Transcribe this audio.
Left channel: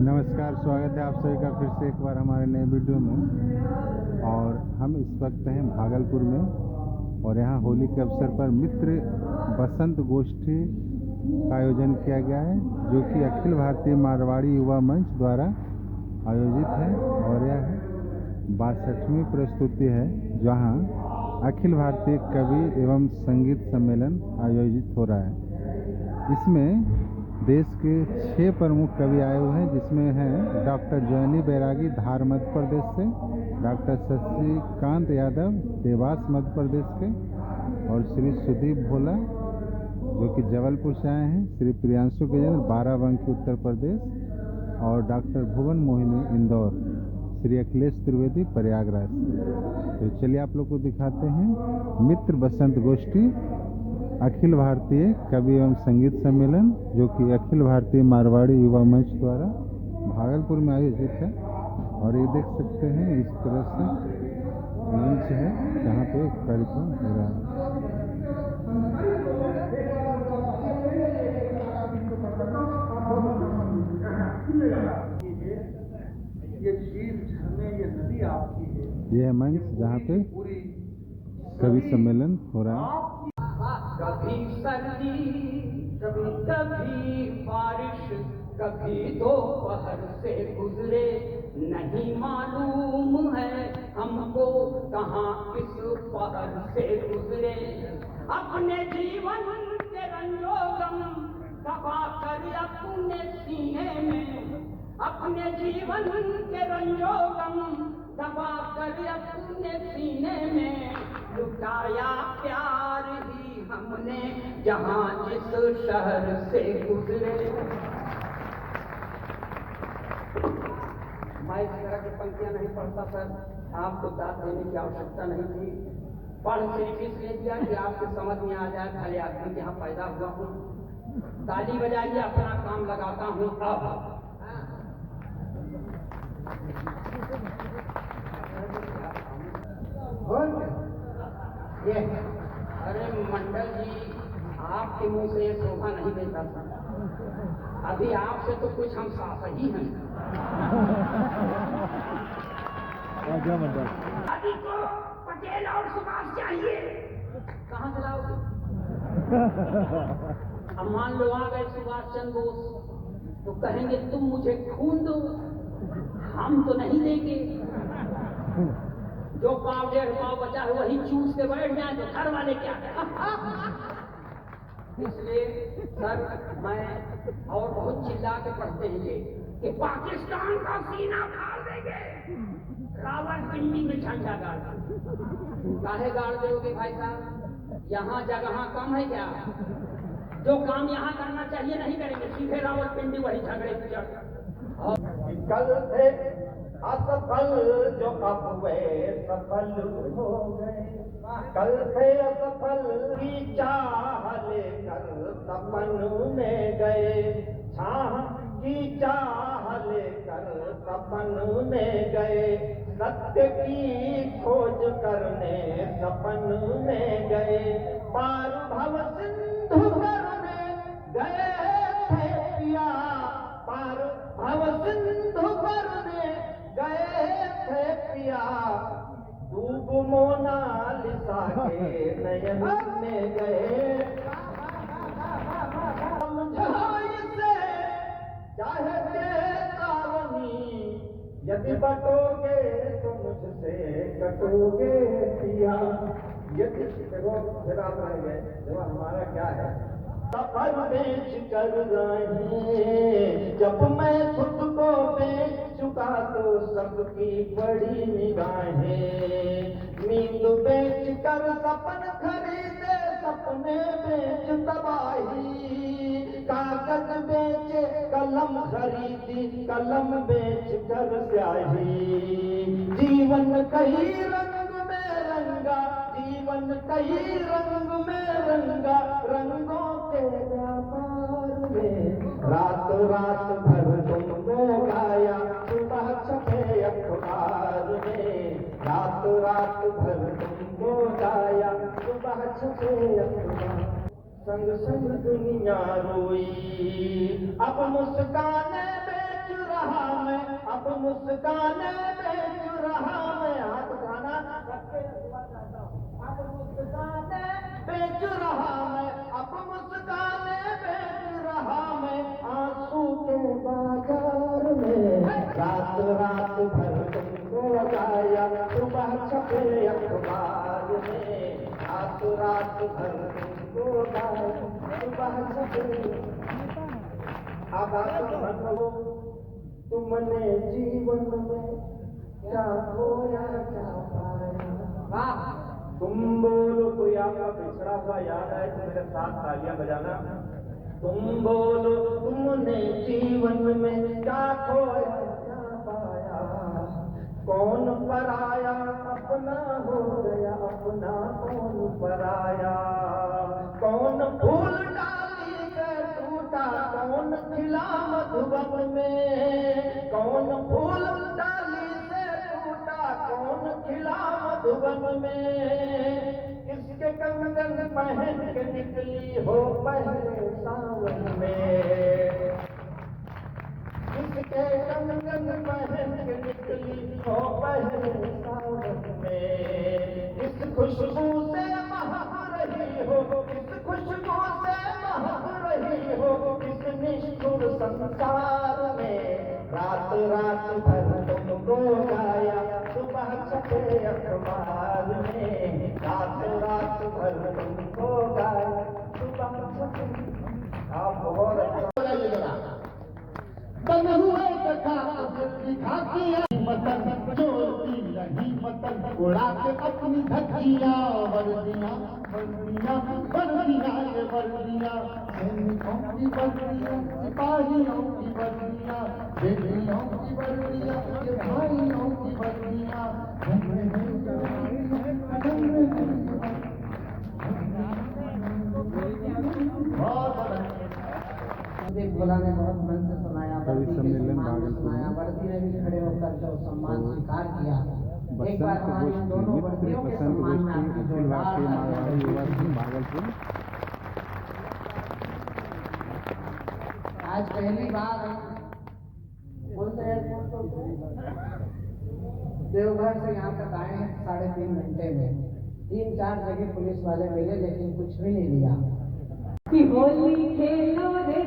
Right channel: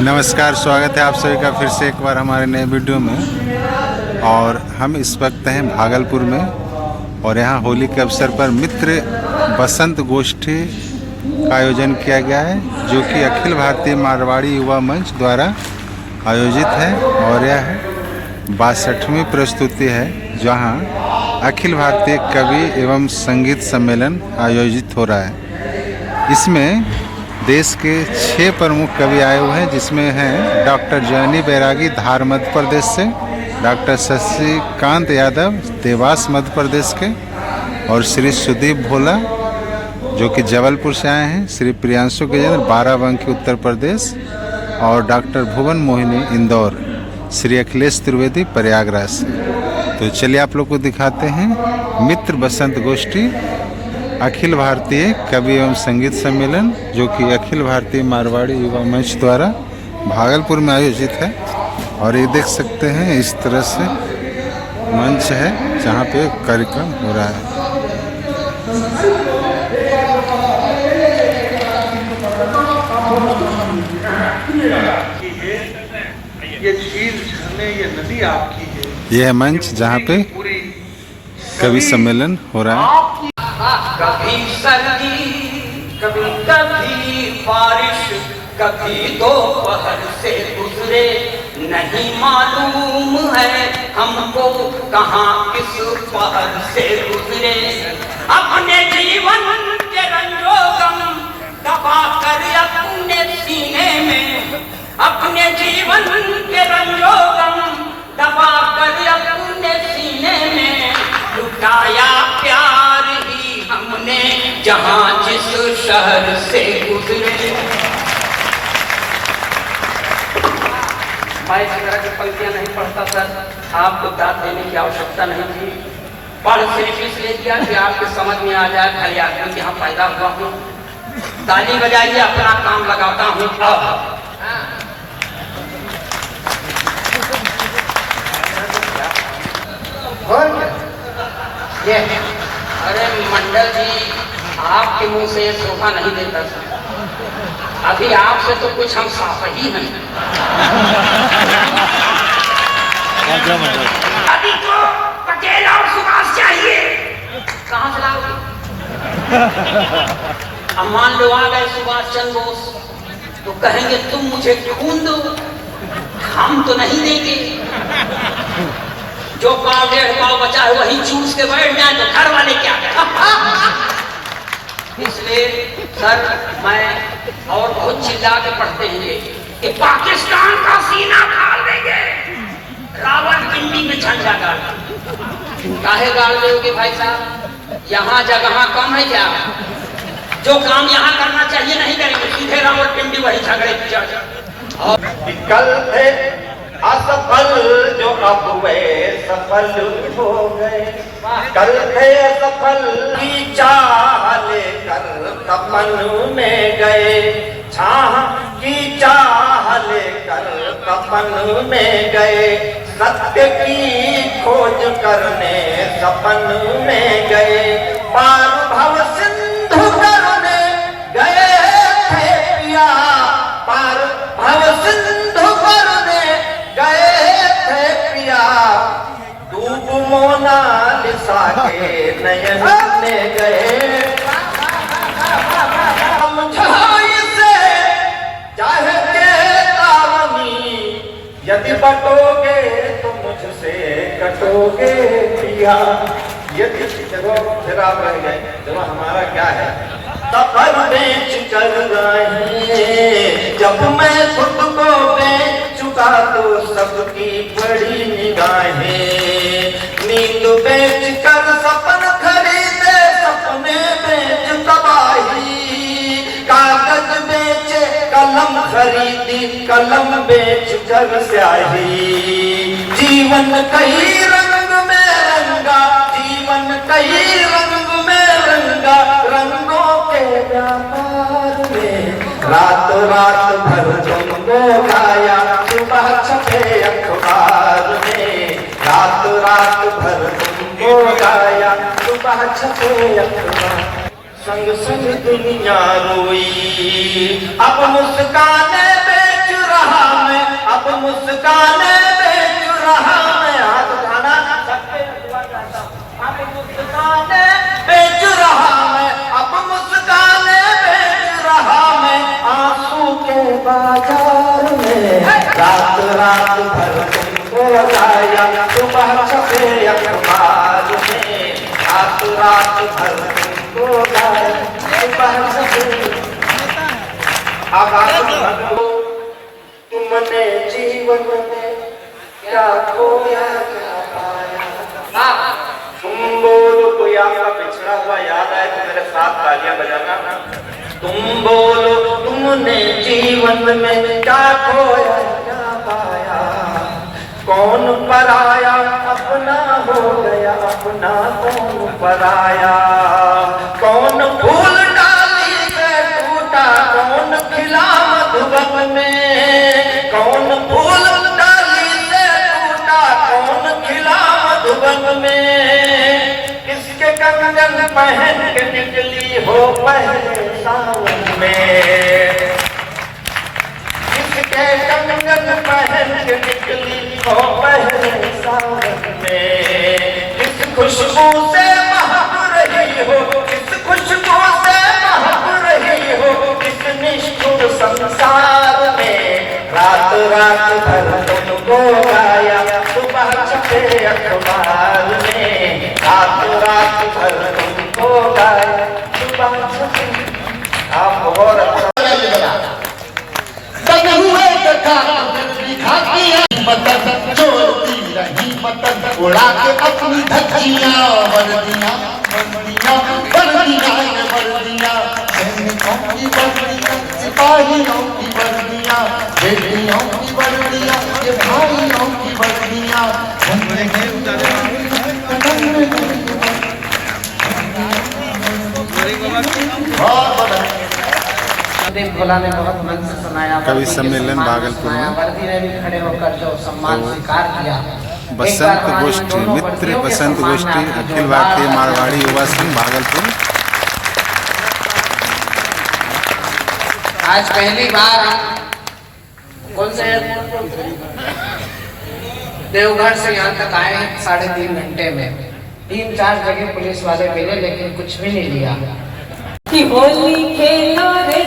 नमस्कार, स्वागत है आप सभी का फिर से एक बार हमारे नए वीडियो में। और हम इस वक्त हैं भागलपुर में और यहाँ होली के अवसर पर मित्र बसंत गोष्ठी का आयोजन किया गया है, जो कि अखिल भारतीय मारवाड़ी युवा मंच द्वारा आयोजित है। और यह 62वीं प्रस्तुति है, जहाँ अखिल भारतीय कवि एवं संगीत सम्मेलन आयोजित हो रहा है। इसमें देश के 6 प्रमुख कवि आए हुए हैं, जिसमें हैं डॉक्टर जयनी बैरागी धार मध्य प्रदेश से, डॉक्टर शशिकांत यादव देवास मध्य प्रदेश के, और श्री सुदीप भोला जो कि जबलपुर से आए हैं, श्री प्रियांशु गजेंद्र बाराबंकी उत्तर प्रदेश, और डॉक्टर भुवन मोहिनी इंदौर, श्री अखिलेश त्रिवेदी प्रयागराज से। तो चलिए आप लोग को दिखाते हैं मित्र बसंत गोष्ठी अखिल भारतीय कवि एवं संगीत सम्मेलन, जो कि अखिल भारतीय मारवाड़ी युवा मंच द्वारा भागलपुर में आयोजित है। और ये देख सकते हैं इस तरह से मंच है जहाँ पे कार्यक्रम हो रहा है। ये झील झरने ये नदी आपकी है। यह है मंच जहाँ पे कवि सम्मेलन हो रहा है। कभी सर्दी कभी बारिश, कभी दोपहर से गुजरे, नहीं मालूम है हमको कहाँ किस पहर से गुजरे। अपने जीवन के रंजोगम दबा कर अपने सीने में, अपने जीवन के रंजोगम दबा कर अपने सीने में, लुटाया प्यार ही हमने जहां जिस शहर से गुजरे। मैं इस तरह की पंक्तियां नहीं पढ़ता सर, आपको दाद देने की आवश्यकता नहीं थी। पढ़ सिर्फ इसलिए दिया कि आपके समझ में आ जाए, खाली आदमी यहाँ पैदा हुआ हूँ। ताली बजाइए, अपना काम लगाता हूँ। अब ये अरे मंडल जी, आपके मुंह से ये शोभा नहीं देता था। अभी आपसे तो कुछ हम साफ ही हैं। अभी तो पटेल और सुभाष चाहिए। कहाँ से लाओगे? अब मान लो आ गए सुभाष चंद्र बोस, तो कहेंगे तुम मुझे खून दो, हम तो नहीं देंगे। जो पाव 1.5 पाव बचा है वही चूस के बैठ जाए तो घर वाले क्या करें? इसलिए सर मैं और बहुत चिल्ला के पढ़ते हैं कि पाकिस्तान का सीना फाड़ देंगे, रावण पिंडी में झंडा गाड़। काहे गाड़ दोगे भाई साहब? यहाँ जगह कम है क्या? जो काम यहाँ करना चाहिए नहीं करेंगे, सीधे रावण पिंडी वही झगड़े कल थे असफल जो अब वे सफल हो गए, कल थे असफल की चाह लेकर तपन में गए, छाह की चाह लेकर तपन में गए, सत्य की खोज करने सपन में गए, पार भव सिंधु करने गए थे पिया, पार भव सिंधु करने गए थे पिया, डूब मोनालिसा के नयन में गए। समझाई से चाहे चेतावनी, यदि बटोगे तो मुझसे कटोगे पिया। यदि फिर आप रह गए, चलो हमारा क्या है? सफर बेच कर रहे, जब मैं खुद को बेच चुका तो सबकी बड़ी निगाहें, नींद बेच कर सपन खरीदे, सपने बेच तबाही, कागज बेचे कलम खरीदी, कलम बेच कर स्याही, जीवन कई रंग में रंगा, जीवन कई रंग में रंगा, रंगों के व्यापार में रात रात भर तुमको गाया, सुबह छपे अखबार में, रात रात भर तुमको गाया, सुबह छपे अखबार। संग संग दुनिया रोई, अब मुस्काने बेच रहा मुस्काने बेच रहा मैं, हाथ उठाना सबके हुआ जाता, अब मुस्काने बेच रहा मैं, अब मुस्काने बेच रहा मैं, आंसू के बाजार में, रात रात भर तुमको गाया, सुबह छपे अखबार में, रात रात भर तुमको गाया, सुबह छपे। अब आप तुमने जीवन में क्या खोया क्या पाया, तुम बोलो कोई आपका पिछड़ा हुआ याद आए तो मेरे साथ तालियां बजाना। तुम बोलो तुमने जीवन में क्या खोया क्या पाया, कौन पराया अपना हो गया अपना कौन पराया, कौन फूल डाली से टूटा कौन खिला मधुबन में, कौन फूल डाली से टूटा कौन खिला मधुबन में, किसके कंगन पहन के निकली हो पहले सावन में, किसके कंगन पहन के निकली हो पहले सावन में, किस खुशबू से महक रही हो, किस खुशबू से महक रही हो, किस निष्ठुर संसार में, रात रात भर तुमको गाया, सुबह छपे अखबार में, रात रात भर तुमको गाया, सुबह छपे। आप बहुत अच्छा जोड़ती रही मतन उड़ा के अपनी धज्जियां वर्दियां वर्दियां वर्दियां वर्दियां, सैनिकों की वर्दियां सिपाहियों की वर्दियां, बेटियों की वर्दियां ये भाइयों की वर्दियां, भोला ने बहुत मन से सुनाया, कवि सम्मेलन भागलपुर में वर्दी ने भी खड़े होकर जो सम्मान स्वीकार किया। बसंत गोष्ठी, मित्र बसंत गोष्ठी, अखिल भारतीय मारवाड़ी युवा संघ भागलपुर। आज पहली बार कौन से देवघर से यहाँ तक आए 3.5 घंटे में, 3-4 जगह पुलिस वाले मिले लेकिन कुछ भी नहीं लिया। कि होली खेलो रे